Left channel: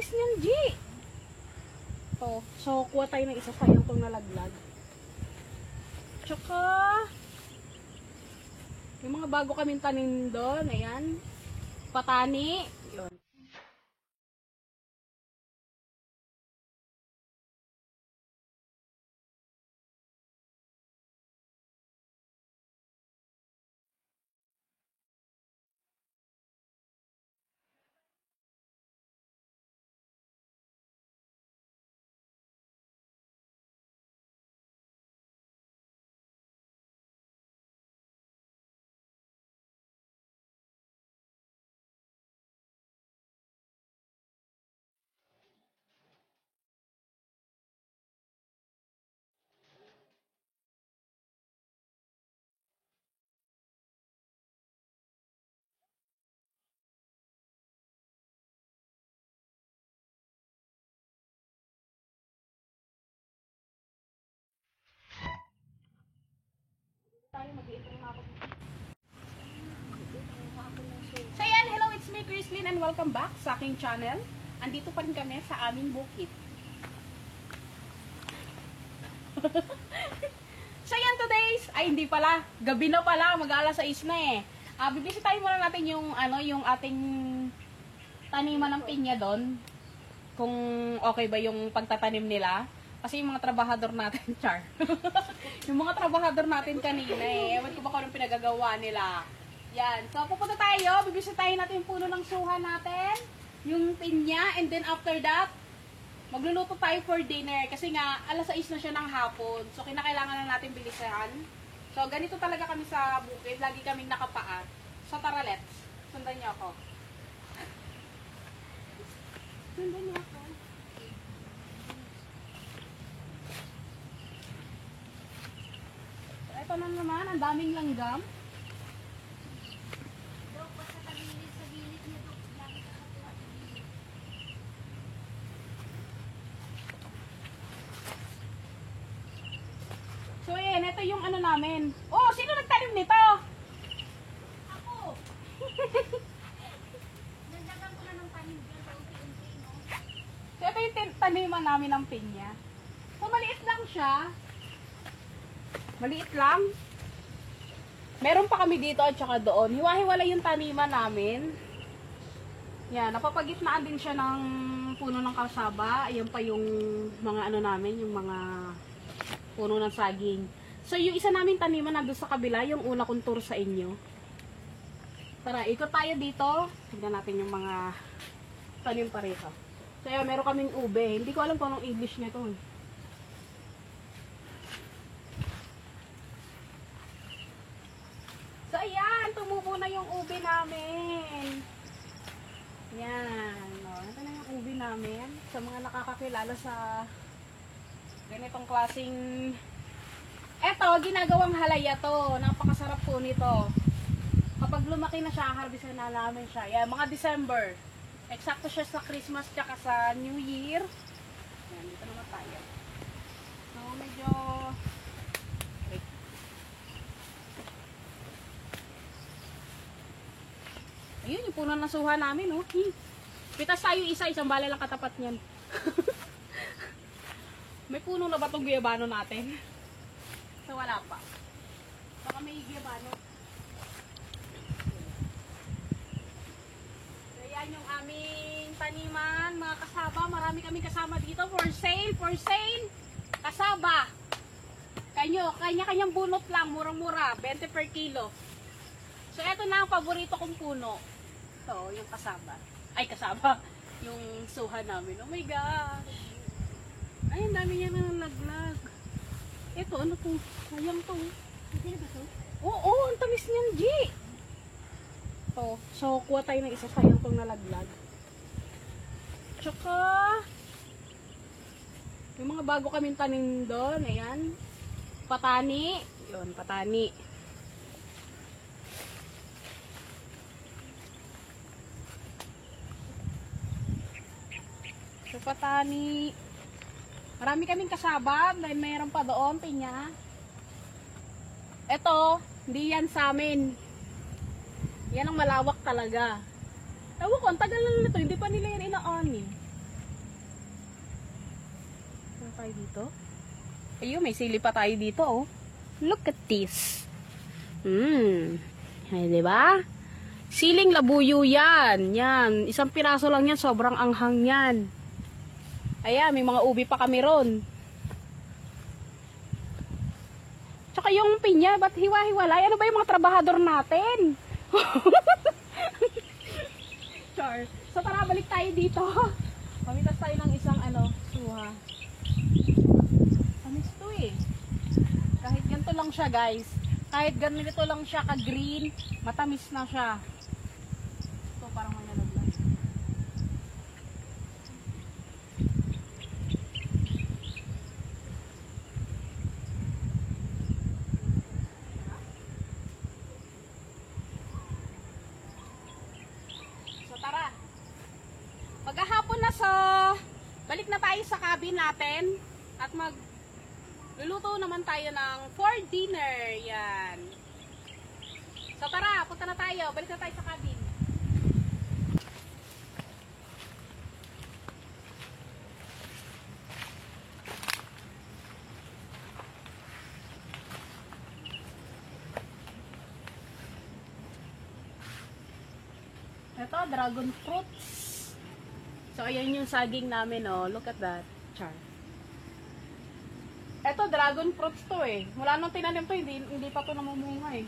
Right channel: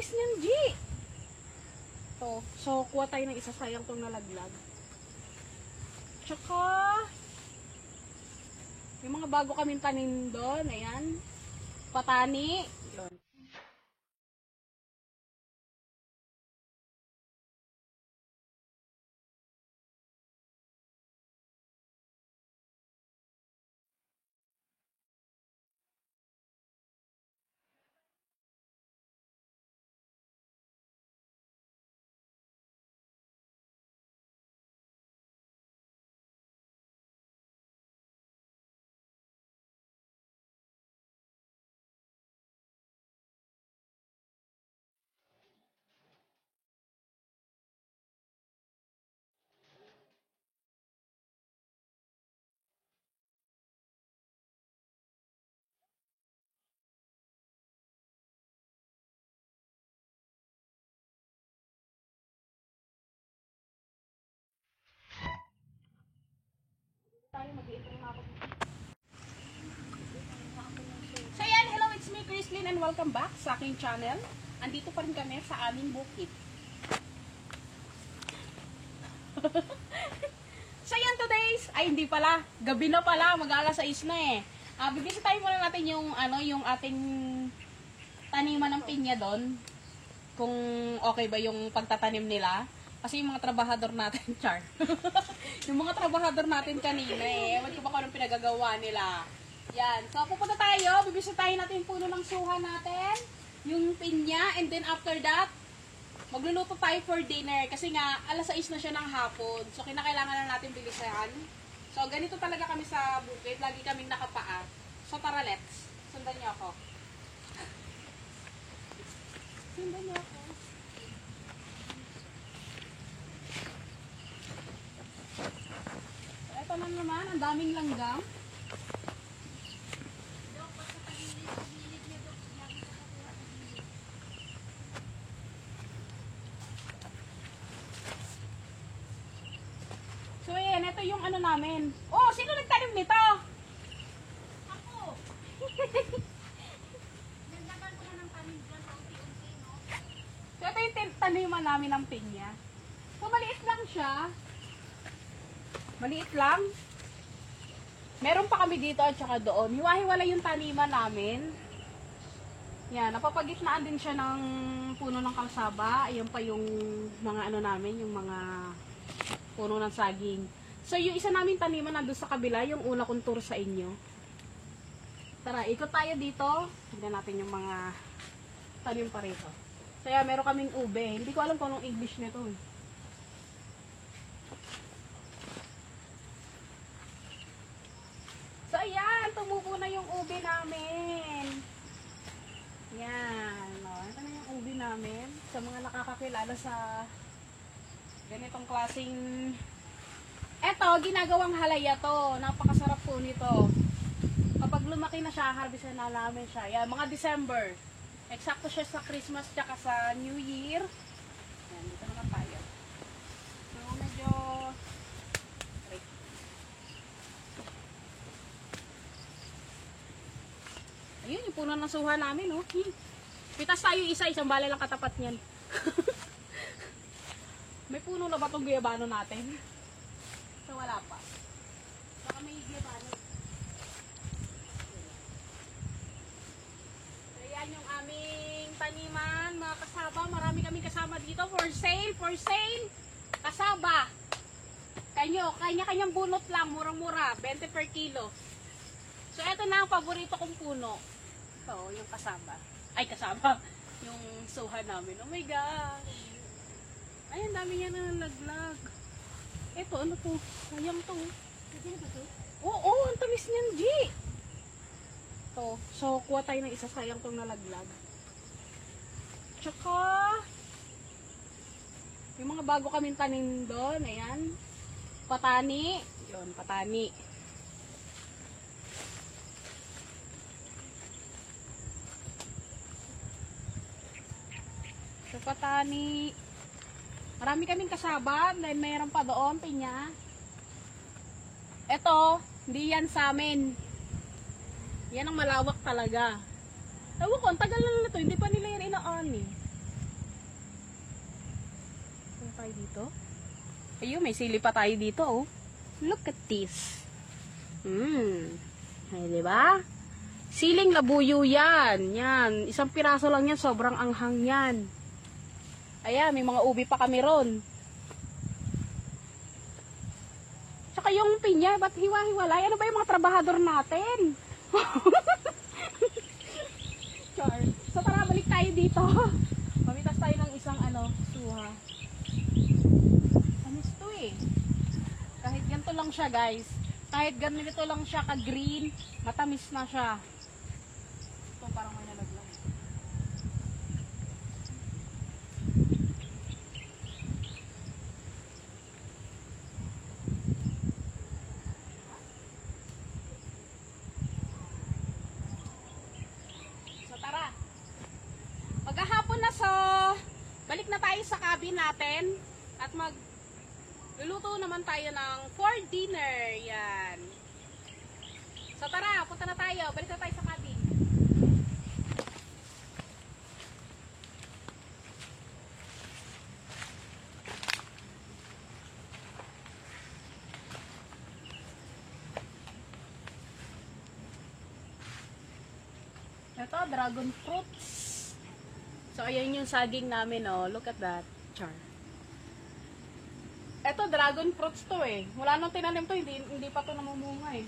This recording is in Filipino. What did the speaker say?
tamis niyan, G. To. So, kuha tayo ng isa, sayang tong nalaglag. Tsaka, yung mga bago kaming tanim doon, ayan. Patani. Doon. So yan, hello, it's me, Chrislyn, and welcome back sa aking channel. Andito pa rin kami sa aming bukid. So yan, today's, ay hindi pala, gabi na pala, mag-alas 6 na eh. Bibisitahin muna natin yung, yung ating taniman ng pinya doon. Kung okay ba yung pagtatanim nila. Kasi yung mga trabahador natin, char. Yung mga trabahador natin kanina eh. Ewan ko ba kung anong pinagagawa nila. Yan. So, pupunta tayo. Bibisitahin natin yung puno ng suha natin. Yung pinya. And then after that, magluluto tayo for dinner. Kasi nga, alas 6 na siya ng hapon. So, kinakailangan na natin bilisan. So, ganito talaga kami sa bukid. Lagi kaming nakapaa. So, tara, let's. Sundan niyo ako. Sundan niyo ako. Ito na naman, ang daming langgam. So yan, ito yung ano namin. Oh, sino nagtanim nito? Ako. Nandagan ko na ng tanim dyan sa unti-unti, no? So ito yung taniman namin ng pinya. So maliit lang siya. Maliit lang. Meron pa kami dito at saka doon. Hiwa-hiwala yung taniman namin. Yan, napapagitnaan din siya ng puno ng kalsaba. Ayan pa yung mga ano namin, yung mga puno ng saging. So yung isa namin taniman nandun sa kabila, yung una kong tour sa inyo. Tara, ikot tayo dito. Tignan natin yung mga tanim pa rito. So yan, meron kaming ube. Hindi ko alam kung anong English nito eh. So, ayan, tumubo na yung ube namin. Yan. O, ito na yung ube namin. Sa mga nakakakilala sa ganitong klaseng... Eto, ginagawang halaya to. Napakasarap po nito. Kapag lumaki na siya, harvestan na namin siya. Yan, mga December. Eksakto siya sa Christmas tsaka sa New Year. Yan, dito naman tayo. So, medyo... Ayun, yung puno ng suha namin, oh. Pitas tayo isa-isang bala lang katapat niyan. May puno na ba itong guyabano natin? So, wala pa. Baka may guyabano. So, yan yung aming taniman, mga kasaba. Marami kaming kasama dito. For sale, for sale. Kasaba. Kanya-kanyang bunot lang. Murang-mura. 20 per kilo. So, eto na ang paborito kong puno. So, yung kasaba. Ay, kasaba. Yung suha namin. Oh my God. Ay, ang dami niya na nalaglag. Ito, ano to? Sayang to. Oo, ang tamis niyan, G. To. So, kuha tayo ng isa. Sayang tong nalaglag. Tsaka, yung mga bago kaming tanim doon. Ayan. Patani. Doon, patani. So, patani. Marami kaming kasaba. Dahil mayroon pa doon, pinya. Ito, hindi yan sa amin. Yan ang malawak talaga. Ewan ko, ang tagal na nito. Hindi pa nila yan ina-on eh. tayo dito. Ayun, may sili pa tayo dito, oh. Look at this. Ay, diba? Siling labuyo yan. Yan. Isang piraso lang yan. Sobrang anghang yan. Ayan, may mga ubi pa kami ron. Tsaka yung pinya, ba't hiwa-hiwalay? Ano ba yung mga trabahador natin? Char. So tara, balik tayo dito. Pamitas tayo ng isang suha. Anis to eh. Kahit ganito lang siya, guys. Kahit ganito lang siya ka-green, matamis na siya. Ito parang may nalaglag. So tara. Maghahapon na, so balik na tayo sa cabin natin at luluto naman tayo ng for dinner. Yan. So tara, punta na tayo. Balik na tayo sa cabin. Ito, dragon fruits. So, ayan yung saging namin, oh. Look at that. Char. Ito, dragon fruits to eh. Wala nang tinanim to, hindi pa to namumunga eh.